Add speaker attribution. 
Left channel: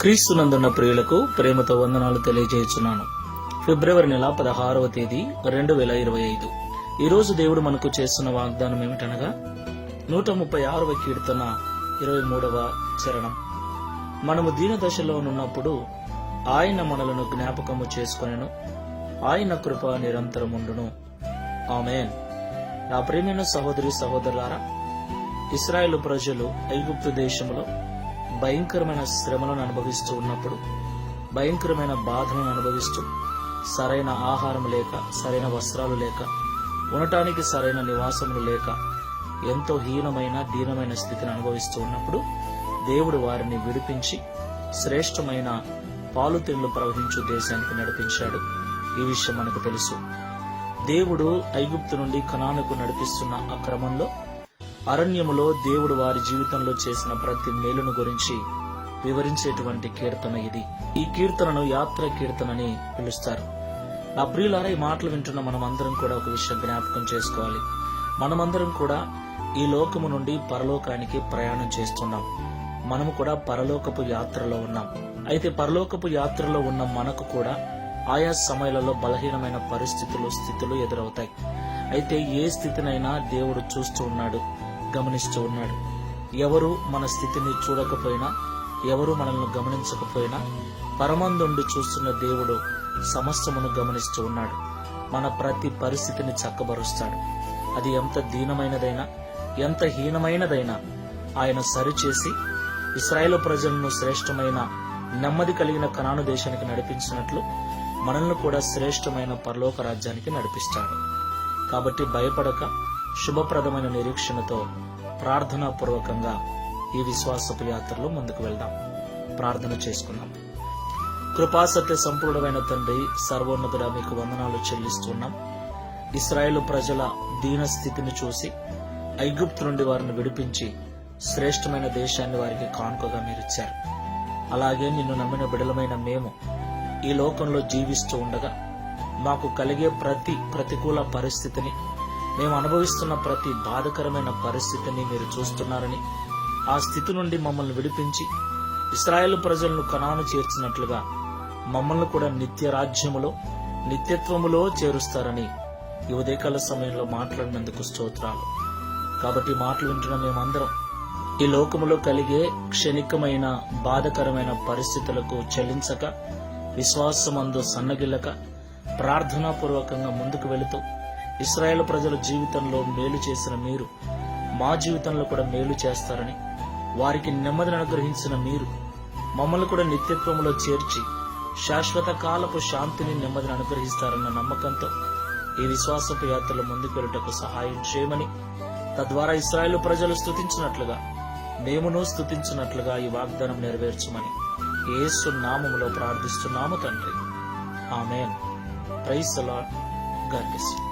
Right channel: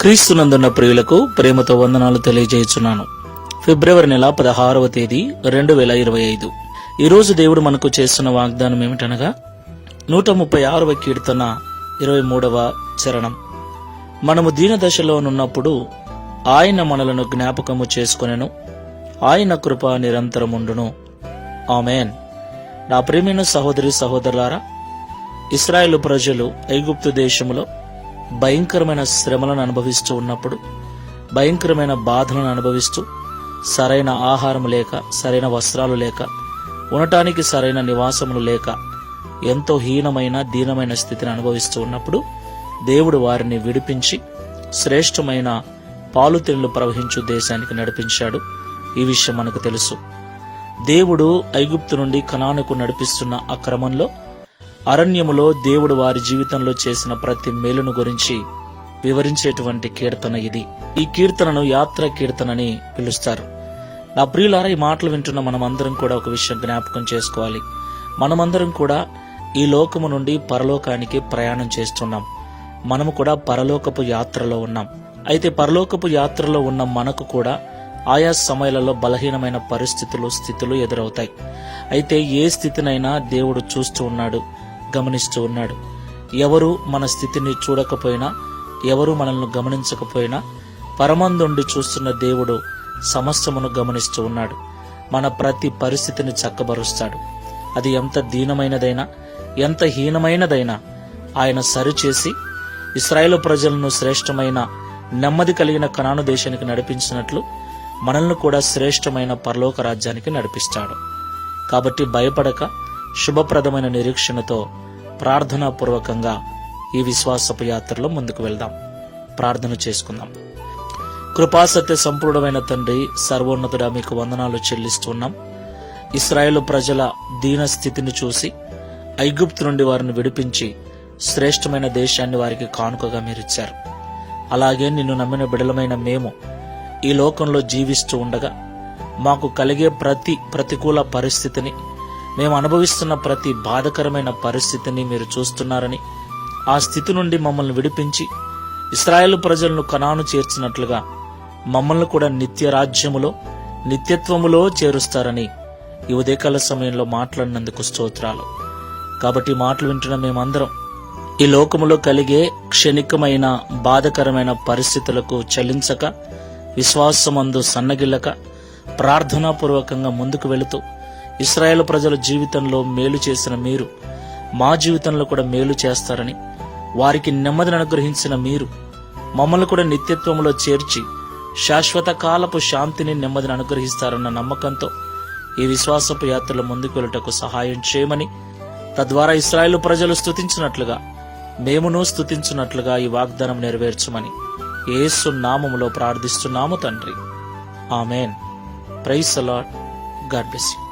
Speaker 1: క్రీస్తునందున్న ప్రియులకు ప్రేమతో వందనాలు తెలియజేస్తున్నాను ఫిబ్రవరి నెల పదహారవ తేదీ రెండు వేల ఇరవై ఐదు. ఈరోజు దేవుడు మనకు చేస్తున్న వాగ్దానం ఏమిటనగా నూట ముప్పై ఆరవ కీర్తన ఇరవై మూడవ చరణం. మనము దీన దశలో ఉన్నప్పుడు ఆయన మనలను జ్ఞాపకము చేసుకొనెను. ఆయన కృప నిరంతరముండును ఆమెన్. నా ప్రేమైన సహోదరి సహోదరులారా ఇస్రాయేల్ ప్రజలు ఐగుప్తు దేశములో భయంకరమైన శ్రమలను అనుభవిస్తూ ఉన్నప్పుడు భయంకరమైన బాధలను అనుభవిస్తూ సరైన ఆహారం లేక సరైన వస్త్రాలు లేక ఉండటానికి సరైన నివాసములు లేక ఎంతో హీనమైన దీనమైన స్థితిని అనుభవిస్తూ ఉన్నప్పుడు దేవుడు వారిని విడిపించి శ్రేష్టమైన పాలుతెళ్ళు ప్రవహించు దేశానికి నడిపించాడు. ఈ విషయం మనకు తెలుసు. దేవుడు ఐగుప్తు నుండి కనానుకు నడిపిస్తున్న ఆ క్రమంలో అరణ్యములో దేవుడు వారి జీవితంలో చేసిన ప్రతి మేలును గురించి వివరించేటువంటి కీర్తన ఇది. ఈ కీర్తనను యాత్ర కీర్తనని పిలుస్తారు. నా ప్రియులారా ఈ మాటలు వింటున్న మనమందరం కూడా ఒక విషయం జ్ఞాపకం చేసుకోవాలి. మనమందరం కూడా ఈ లోకము నుండి పరలోకానికి ప్రయాణం చేస్తున్నాం. మనము కూడా పరలోకపు యాత్రలో ఉన్నాం. అయితే పరలోకపు యాత్రలో ఉన్న మనకు కూడా ఆయా సమయాలలో బలహీనమైన పరిస్థితులు స్థితులు ఎదురవుతాయి. అయితే ఏ స్థితినైనా దేవుడు చూస్తూ ఉన్నాడు. గమనిస్తూ ఉన్నాడు. ఎవరు మన స్థితిని చూడకపోయినా ఎవరు మనల్ని గమనించకపోయినా పరమందుండి చూస్తున్న దేవుడు సమస్తమును గమనిస్తూ ఉన్నాడు. మన ప్రతి పరిస్థితిని చక్కబరుస్తాడు. అది ఎంత దీనమైనదైనా ఎంత హీనమైనదైనా ఆయన సరిచేసి ఇస్రాయేల్ ప్రజలను శ్రేష్టమైన నెమ్మది కలిగిన కణాను దేశానికి నడిపించినట్లు మనల్ని కూడా శ్రేష్టమైన పరలోక రాజ్యానికి నడిపిస్తాడు. కాబట్టి భయపడక శుభప్రదమైన నిరీక్షణతో ప్రార్థనాపూర్వకంగా ఈ విశ్వాసపు యాత్రలో ముందుకు వెళ్దాం. ప్రార్థన చేసుకుందాం. కృపాసత్య సంపూర్ణమైన తండ్రి సర్వోన్నతుడ మీకు వందనాలు చెల్లిస్తున్నాం. ఇస్రాయేల్ ప్రజల దీన స్థితిని చూసి ఐగుప్తు నుండి వారిని విడిపించి శ్రేష్టమైన దేశాన్ని వారికి కానుకగా మీరిచ్చారు. అలాగే నిన్ను నమ్మిన బిడలమైన మేము ఈ లోకంలో జీవిస్తూ ఉండగా మాకు కలిగే ప్రతి ప్రతికూల పరిస్థితిని మేము అనుభవిస్తున్న ప్రతి బాధకరమైన పరిస్థితిని మీరు చూస్తున్నారని ఆ స్థితి నుండి మమ్మల్ని విడిపించి ఇస్రాయేల్ ప్రజలను కణాను చేర్చినట్లుగా మమ్మల్ని కూడా నిత్య రాజ్యములో నిత్యత్వములో చేరుస్తారని ఈ ఉదయకాల సమయంలో మాట్లాడినందుకు స్తోత్రాలు. కాబట్టి మాటలు వింటున్న మేమందరం ఈ లోకములో కలిగే క్షణికమైన బాధకరమైన పరిస్థితులకు చలించక విశ్వాసమందు సన్నగిల్లక ప్రార్థనాపూర్వకంగా ముందుకు వెళుతూ ఇస్రాయేల్ ప్రజల జీవితంలో మేలు చేసిన మీరు మా జీవితంలో కూడా మేలు చేస్తారని వారికి నెమ్మదిని అనుగ్రహించిన మీరు మమ్మల్ని కూడా నిత్యత్వంలో చేర్చి శాశ్వత కాలపు శాంతిని నెమ్మదిని అనుగ్రహిస్తారన్న నమ్మకంతో ఈ విశ్వాసపు యాత్రలో ముందుకు వెళ్ళటకు సహాయం చేయమని తద్వారా ఇస్రాయేల్ ప్రజలు స్తుతించినట్లుగా మేమును స్తుతించినట్లుగా ఈ వాగ్దానం నెరవేర్చమని ఏసు నామములో ప్రార్థిస్తున్నాము తండ్రి. ఆమెన్. ప్రైస్ అలాడ్ గాడ్ బ్లెస్ యూ.